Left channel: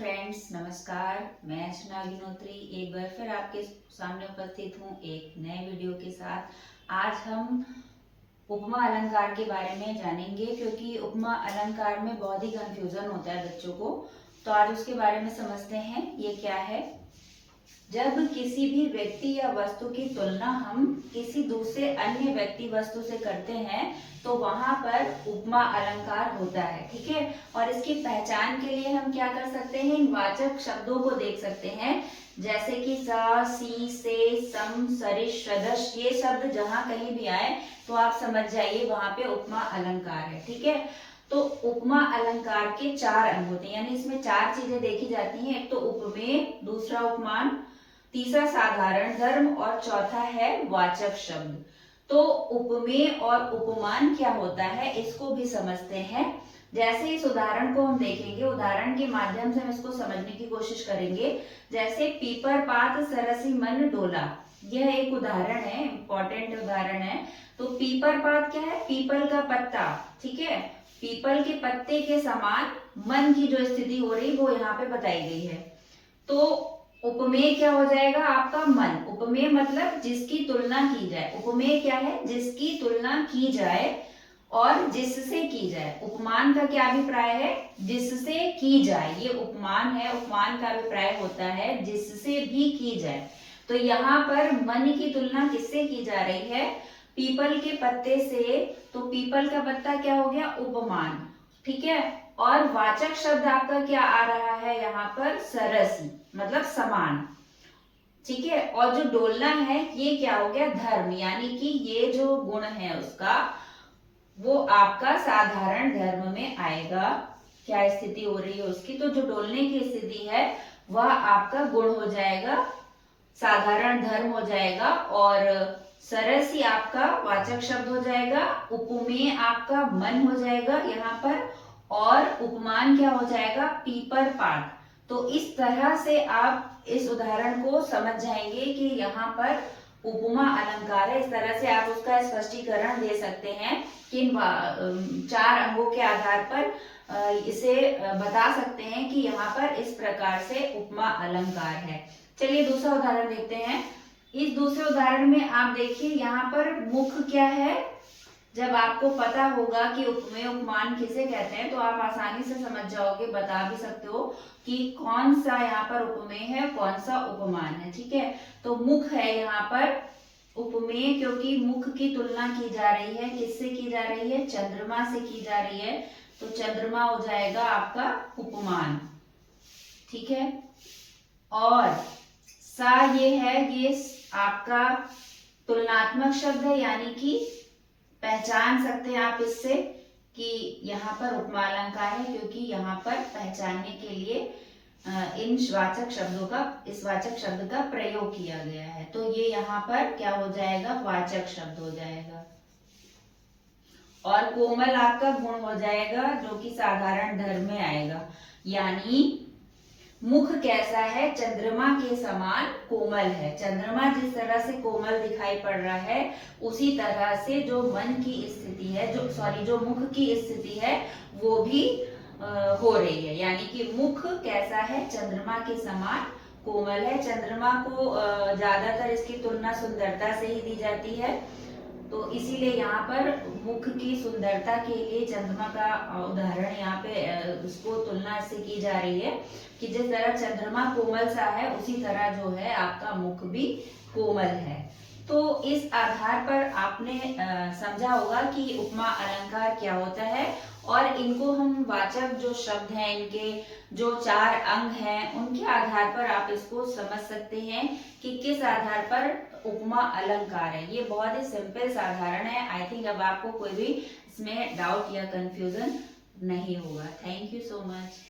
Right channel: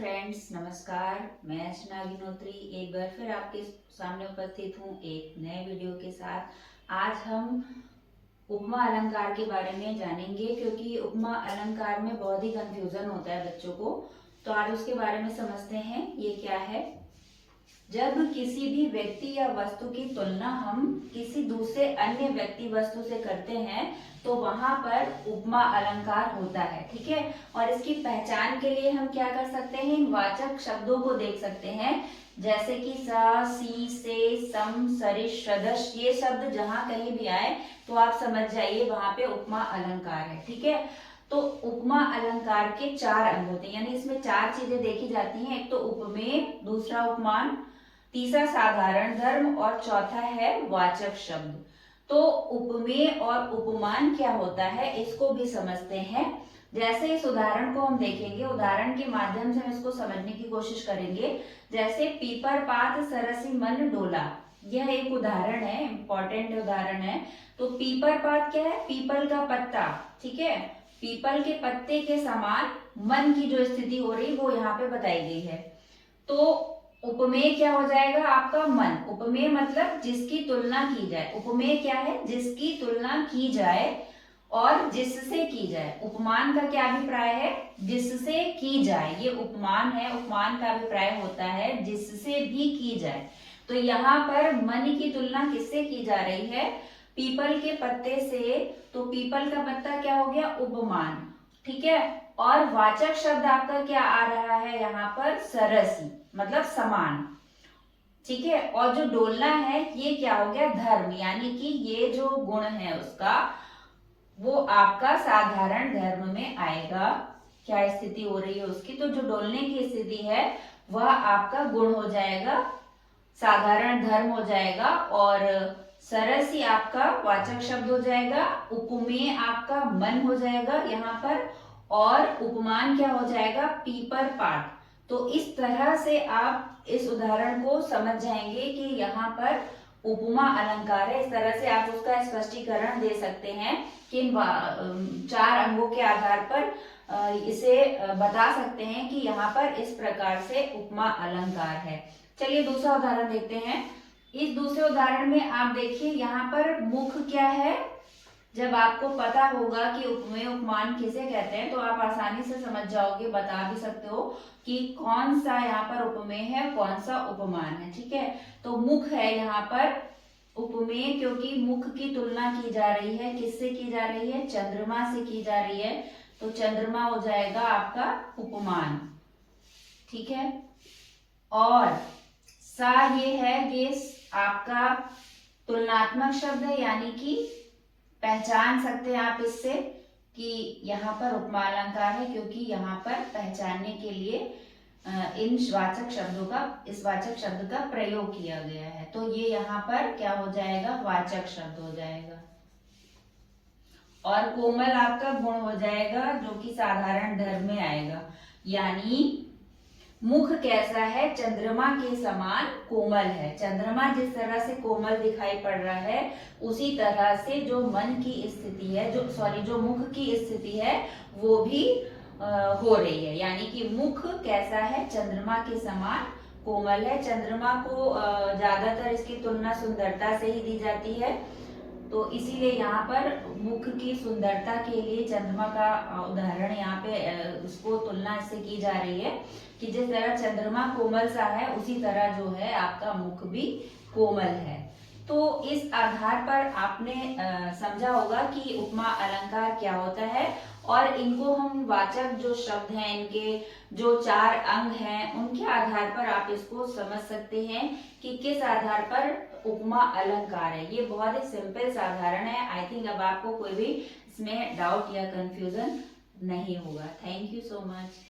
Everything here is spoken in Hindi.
फ्रेंड्स, नमस्कार। मैं अर्चना अग्निहोत्री एक बार फिर आपके सामने उपस्थित हूँ एक नए वीडियो के साथ। आज हम उपमा अलंकार के बारे में जानेंगे, क्योंकि उपमा अलंकार में बहुत ही कंफ्यूजन होता है बच्चों को। तो आज उसके बारे में समझते हैं ये क्या है। जब किसी भी व्यक्ति या वस्तु की तुलना हम किसी दूसरे अन्य व्यक्ति वस्तु से करते हैं तो वहां पर उपमा अलंकार होता है। ठीक है, और इसकी पहचान के लिए हम क्या कर सकते हैं, इन वाचक शब्दों को देख सकते हैं, जैसे कि सा, सी, से, सम, सरिश, सदृश। ये शब्द जहां कहीं भी आए तो आप समझ जाइए वहां पे उपमा अलंकार है। ठीक है, तो उपमा अलंकार के चार अंग होते हैं, यानी इसमें चार चीजें देखी जाती हैं। एक तो उपमेय, दूसरा उपमान, तीसरा साधारण धर्म और चौथा है वाचक शब्द। तो उपमेय और उपमान क्या होता है इसको भी समझते हैं। जैसे इस उदाहरण को हम देखेंगे, उदाहरण के माध्यम से हम इसको समझने की कोशिश करेंगे। जैसे पीपर पात सरसी मन डोला, यह एक उदाहरण है, इंपॉर्टेंट उदाहरण है। तो पीपर पात क्या है, पीपल का पत्ता। ठीक है, पीपल के पत्ते के समान मन की जो स्थिति हो रही वो यहाँ पे बताई गई है। तो उपमेय क्या हो जाएगा आपका, मन। उपमेय मतलब जिसकी तुलना की जाए। उपमेय क्या है, जिसकी तुलना की जाए और जिससे की जाए। उपमान का क्या अभिप्राय है, जिससे की जाए। ये उपमान है, उपमान का अभिप्राय होता है जिससे भी की जाए। तो यहाँ पर मन की तुलना किससे की जा रही है, पीपल के पत्ते से। तो पीपल का पत्ता क्या हो गया, उपमान। ठीक है, और वाचक शब्द आपका क्या आ रहा है यहाँ पर, सरसी, मतलब समान। ठीक है, और जो डोलना है ये क्या हो गया, धर्म, यानी कि ये जो गुण है उसका वो आपका साधारण धर्म में आएगा। क्या स्थिति हो रही है उसकी, तो जो डोलने की स्थिति है वह आपका गुण हो जाएगा, साधारण धर्म हो जाएगा। और सरसी आपका वाचक शब्द हो जाएगा, उपमेय आपका मन हो जाएगा यहाँ पर, और उपमान क्या हो जाएगा, पीपर पात। तो इस तरह से आप इस उदाहरण को समझ जाएंगे कि यहाँ पर उपमा अलंकार है। इस तरह से आप उसका स्पष्टीकरण दे सकते हैं कि इन चार अंगों के आधार पर इसे बता सकते हैं कि यहाँ पर इस प्रकार से उपमा अलंकार है। चलिए दूसरा उदाहरण देखते हैं। इस दूसरे उदाहरण में आप देखिए यहाँ पर मुख क्या है। जब आपको पता होगा कि उपमेय उपमान किसे कहते हैं तो आप आसानी से समझ जाओगे, बता भी सकते हो कि कौन सा यहाँ पर उपमेय है, कौन सा उपमान है। ठीक है, तो मुख है यहाँ पर उपमेय, क्योंकि मुख की तुलना की जा रही है, किससे की जा रही है, चंद्रमा से की जा रही है। तो चंद्रमा हो जाएगा आपका उपमान। ठीक है, और सा ये है, ये आपका तुलनात्मक शब्द है, यानी कि पहचान सकते हैं आप इससे कि यहाँ पर उपमा अलंकार है, क्योंकि यहाँ पर पहचानने के लिए इन वाचक शब्दों का, इस वाचक शब्द का प्रयोग किया गया है। तो ये यहाँ पर क्या हो जाएगा, वाचक शब्द हो जाएगा। और कोमल आपका गुण हो जाएगा, जो कि साधारण धर्म में आएगा। यानी मुख कैसा है, चंद्रमा के समान कोमल है। चंद्रमा जिस तरह से कोमल दिखाई पड़ रहा है उसी तरह से जो मन की स्थिति है, जो मुख की स्थिति है वो भी हो रही है। यानी कि मुख कैसा है, चंद्रमा के समान कोमल है। चंद्रमा को ज्यादातर इसकी तुलना सुंदरता से ही दी जाती है, तो इसीलिए यहाँ पर मुख की सुंदरता के लिए चंद्रमा का उदाहरण यहाँ पे उसको तुलना इससे की जा रही है कि जिस तरह चंद्रमा कोमल सा है उसी तरह जो है आपका मुख भी कोमल है। तो इस आधार पर आपने समझा होगा कि उपमा अलंकार क्या होता है, और इनको हम वाचक जो शब्द हैं, इनके जो चार अंग हैं, उनके आधार पर आप इसको समझ सकते हैं कि किस आधार पर उपमा अलंकार है। ये बहुत ही सिंपल साधारण है। आई थिंक अब आपको कोई भी इसमें डाउट या कंफ्यूजन नहीं होगा। Thank you so much.